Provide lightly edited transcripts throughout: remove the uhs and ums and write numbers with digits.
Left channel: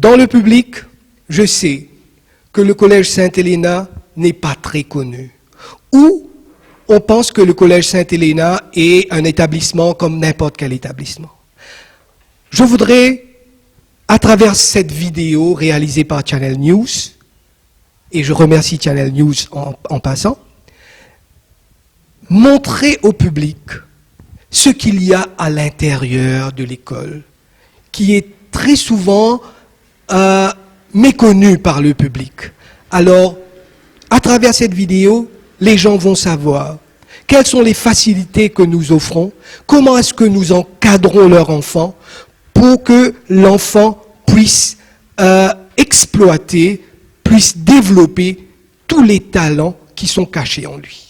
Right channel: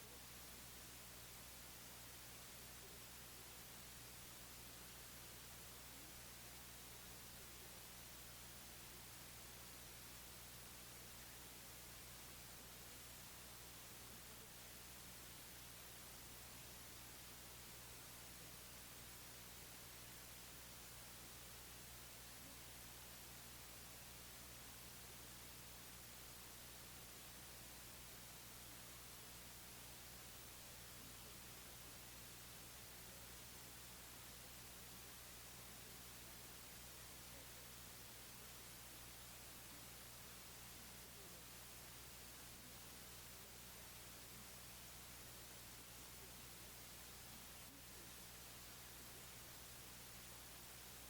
Dans le public, je sais que le Collège Sainte-Helena n'est pas très connu. Ou on pense que le Collège Sainte-Helena est un établissement comme n'importe quel établissement. Je voudrais, à travers cette vidéo réalisée par Channel News, et je remercie Channel News en passant, montrer au public ce qu'il y a à l'intérieur de l'école, qui est très souvent méconnu par le public. Alors, à travers cette vidéo, les gens vont savoir quelles sont les facilités que nous offrons, comment est-ce que nous encadrons leur enfant pour que l'enfant puisse exploiter, puisse développer tous les talents qui sont cachés en lui.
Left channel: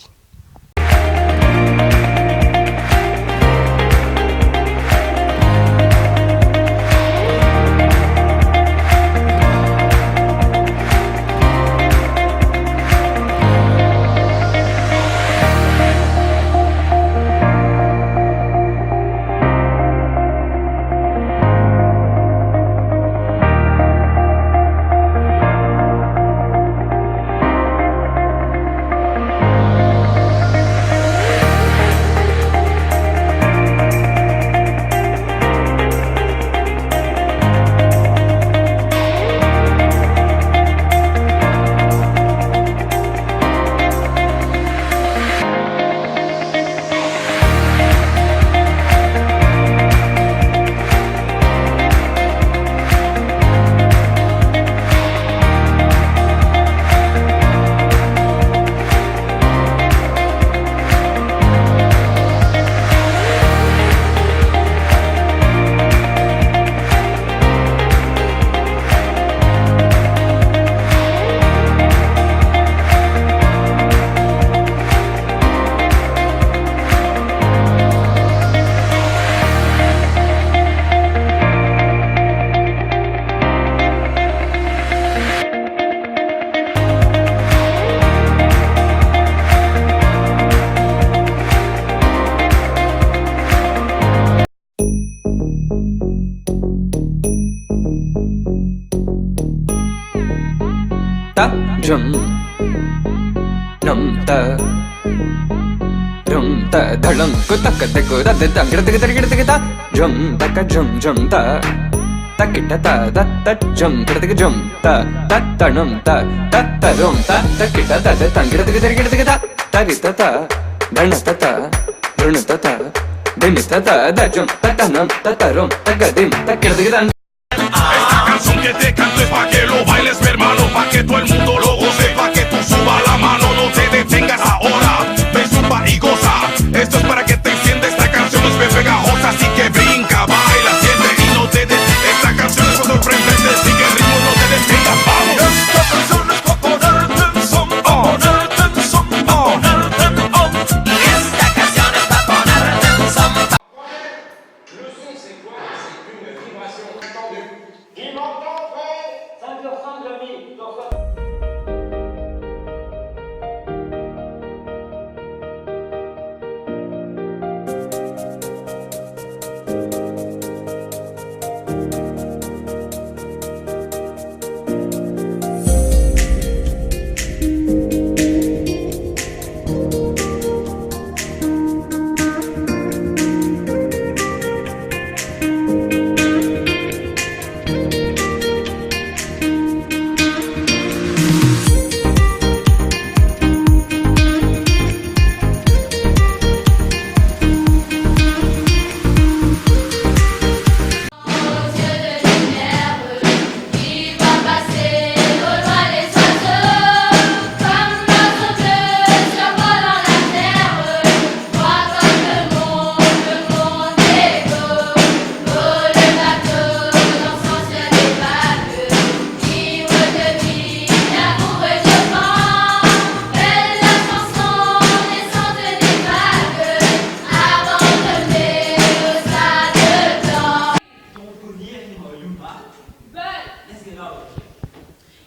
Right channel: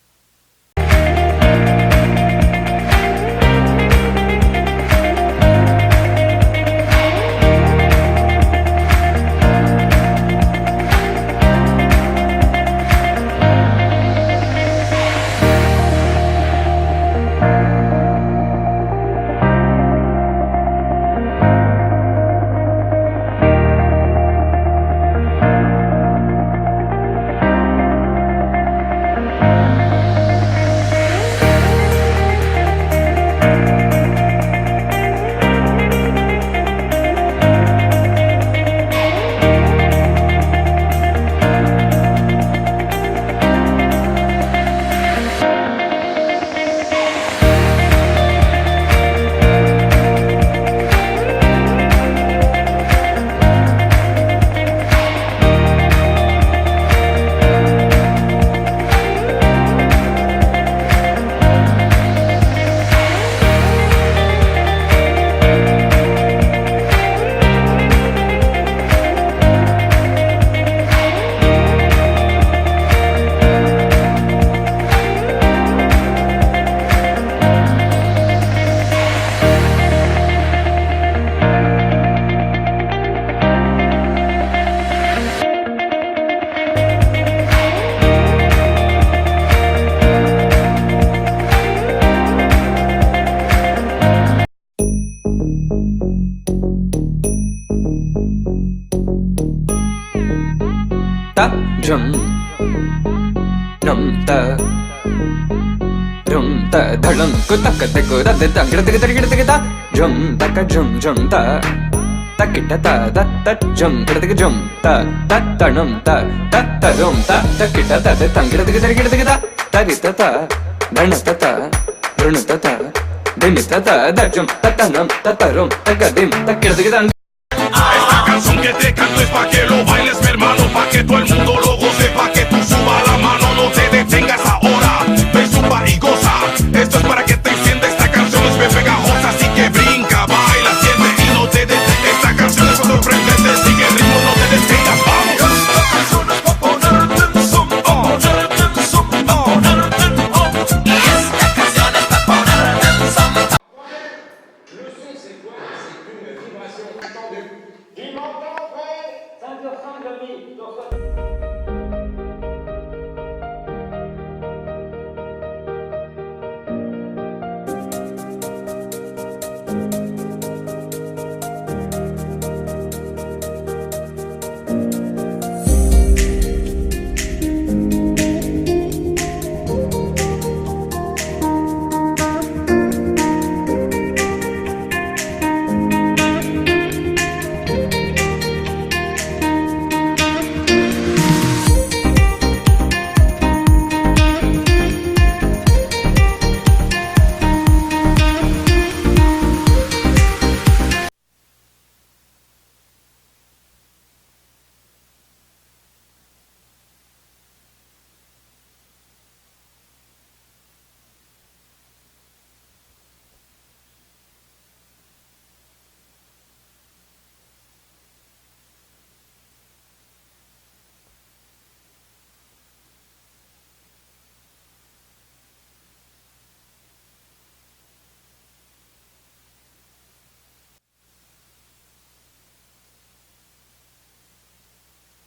Jum num ta rum ta dhalam ko tak tak ko da da gira gira ta jum ta jum ta takita ta da ta jum gira jum ta num ta rum ta takita ta da gira ta tarita ta dana ta runa ta dimita ta da jum ta num ta rum ta dim ta gira Esta canción que te canto es pa' que lo bailes, mi hermano, pa' que todo el mundo lo goce, pa' que tú suba la mano, no te detengas ahora, ven, suba y goza. Esto es para que te encienda, esta canción es bien pegajosa, así que brinca, baila, siente y no te detengas. Esta canción es sorprendente, sigue el ritmo, no te detengas, vamos.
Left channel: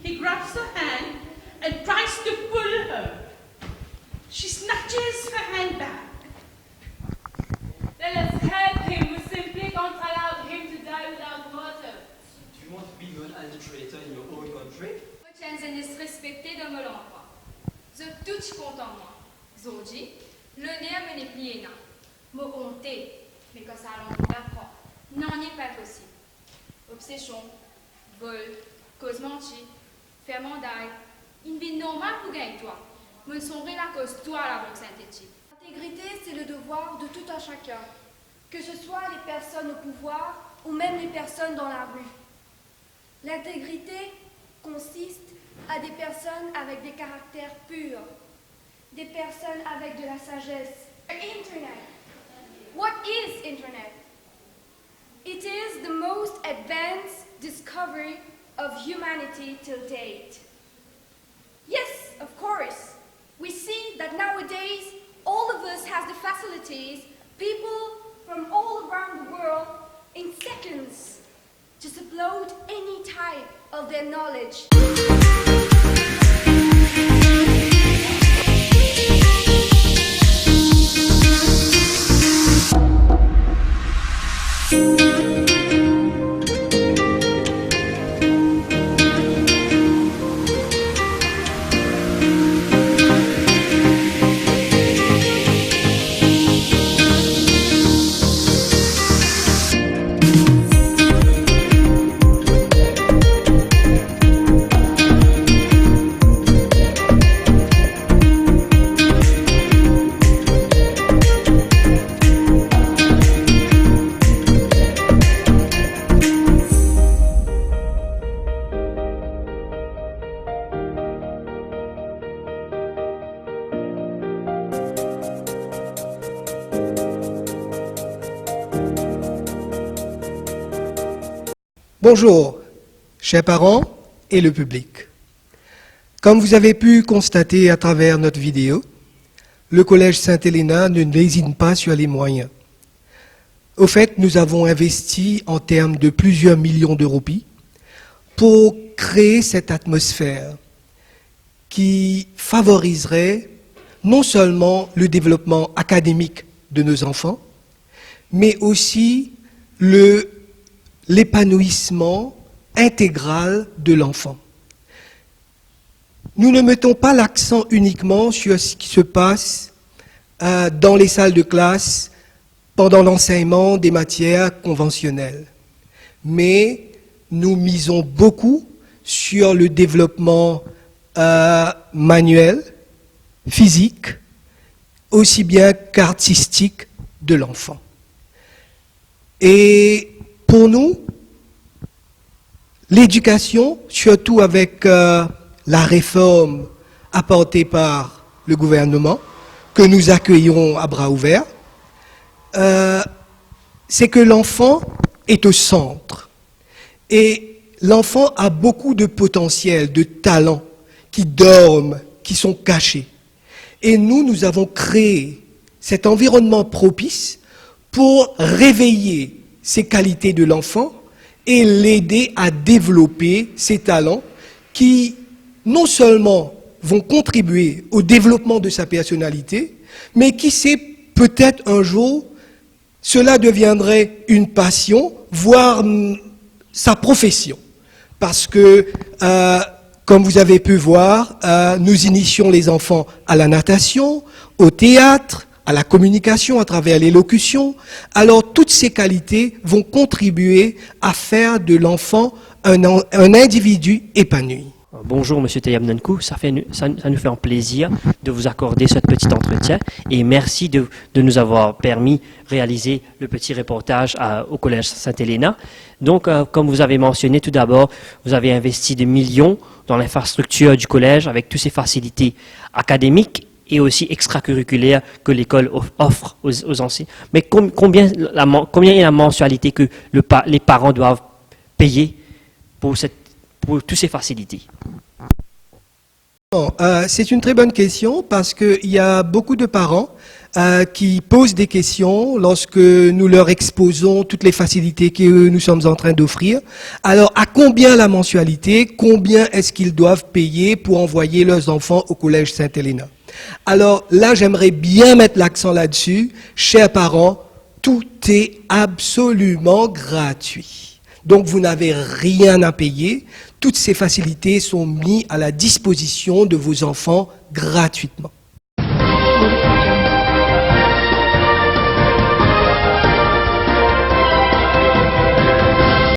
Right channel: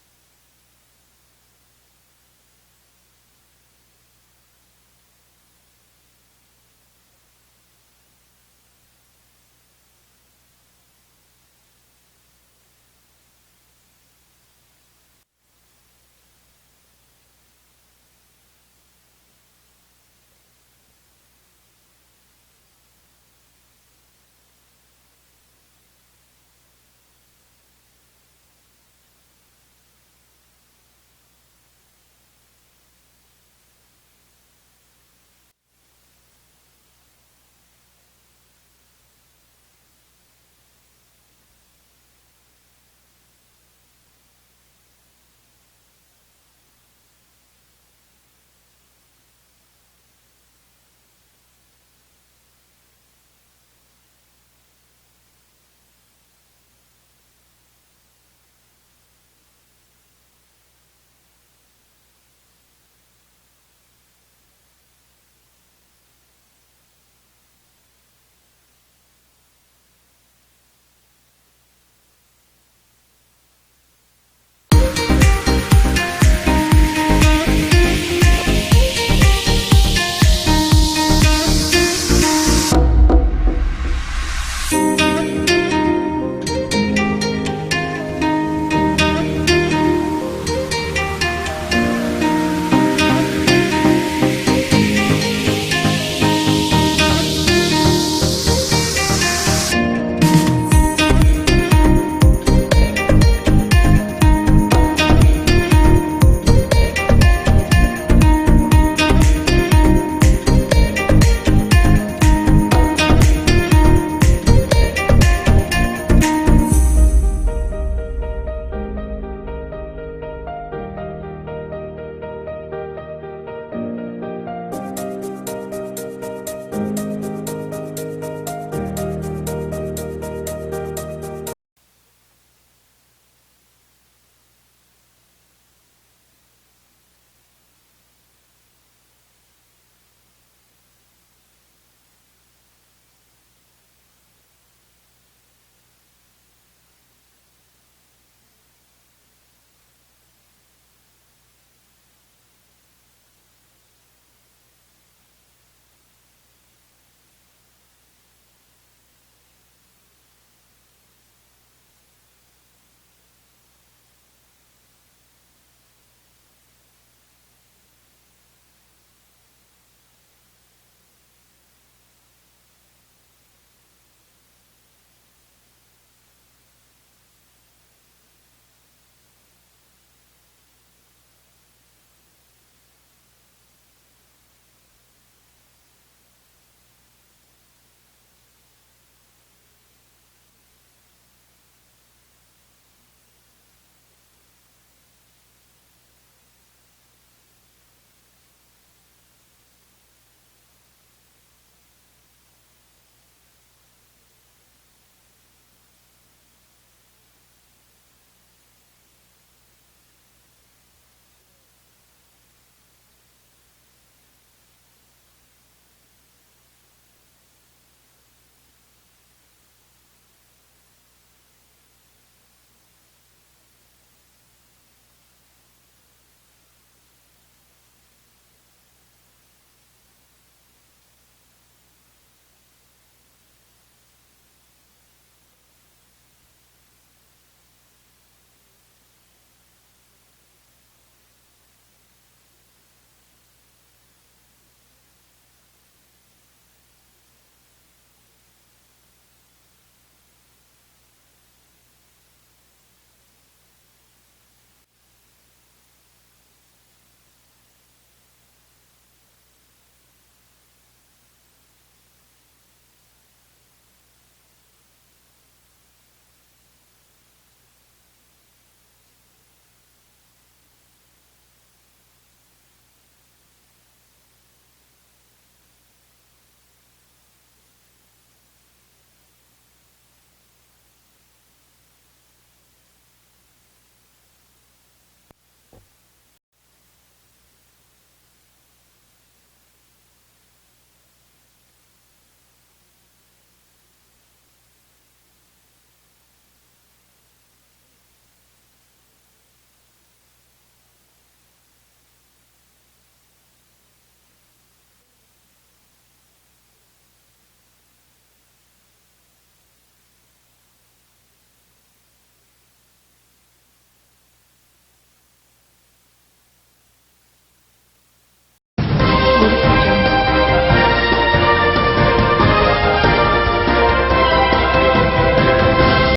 He grabs her hand and tries to pull her. She snatches her hand back. Let us help him. We simply can't allow him to die without water. Do you want to be an Tutti content moi. Zoji, le nerf me n'est plié na. Me honté, mais que ça l'on d'apprend. Non, n'est pas possible. Obsession, vol, cause menti, faire mandaille. Une vie normale pour gagner toi. Me sombrer la cause toi la bonne synthétique. L'intégrité, c'est le devoir de tout un chacun, que ce soit les personnes au pouvoir ou même les personnes dans la rue. L'intégrité consiste à des personnes avec des caractères purs, des personnes avec de la sagesse. Internet. What is Internet? It is the most advanced discovery of humanity till date. Yes, of course. We see that nowadays all of us have the facilities, people from all around the world, In seconds, just upload any type of their knowledge. Bonjour, chers parents et le public. Comme vous avez pu constater à travers notre vidéo, le Collège Sainte-Helena ne lésine pas sur les moyens. Au fait, nous avons investi en termes de plusieurs millions de roupies pour créer cette atmosphère qui favoriserait non seulement le développement académique de nos enfants, mais aussi l'épanouissement intégral de l'enfant. Nous ne mettons pas l'accent uniquement sur ce qui se passe dans les salles de classe pendant l'enseignement des matières conventionnelles, mais nous misons beaucoup sur le développement manuel, physique, aussi bien qu'artistique de l'enfant. Et pour nous, l'éducation, surtout avec la réforme apportée par le gouvernement, que nous accueillons à bras ouverts, c'est que l'enfant est au centre. Et l'enfant a beaucoup de potentiel, de talents qui dorment, qui sont cachés. Et nous avons créé cet environnement propice pour réveiller ces qualités de l'enfant et l'aider à développer ses talents qui non seulement vont contribuer au développement de sa personnalité, mais qui sait, peut-être un jour, cela deviendrait une passion, voire sa profession. Parce que, comme vous avez pu voir, nous initions les enfants à la natation, au théâtre, à la communication à travers l'élocution. Alors, toutes ces qualités vont contribuer à faire de l'enfant un individu épanoui. Bonjour Monsieur Tayamnenkou, ça nous fait un plaisir de vous accorder ce petit entretien et merci de nous avoir permis de réaliser le petit reportage au Collège Sainte-Helena. Donc, comme vous avez mentionné tout d'abord, vous avez investi des millions dans l'infrastructure du collège avec toutes ces facilités académiques et aussi extracurriculaires que l'école offre aux enseignants. Mais combien est la mensualité que les parents doivent payer pour toutes ces facilités? C'est une très bonne question parce qu'il y a beaucoup de parents qui posent des questions lorsque nous leur exposons toutes les facilités que nous sommes en train d'offrir. Alors, à combien la mensualité? Combien est-ce qu'ils doivent payer pour envoyer leurs enfants au Collège Sainte-Helena? Alors là, j'aimerais bien mettre l'accent là-dessus. Chers parents, tout est absolument gratuit. Donc, vous n'avez rien à payer. Toutes ces facilités sont mises à la disposition de vos enfants gratuitement.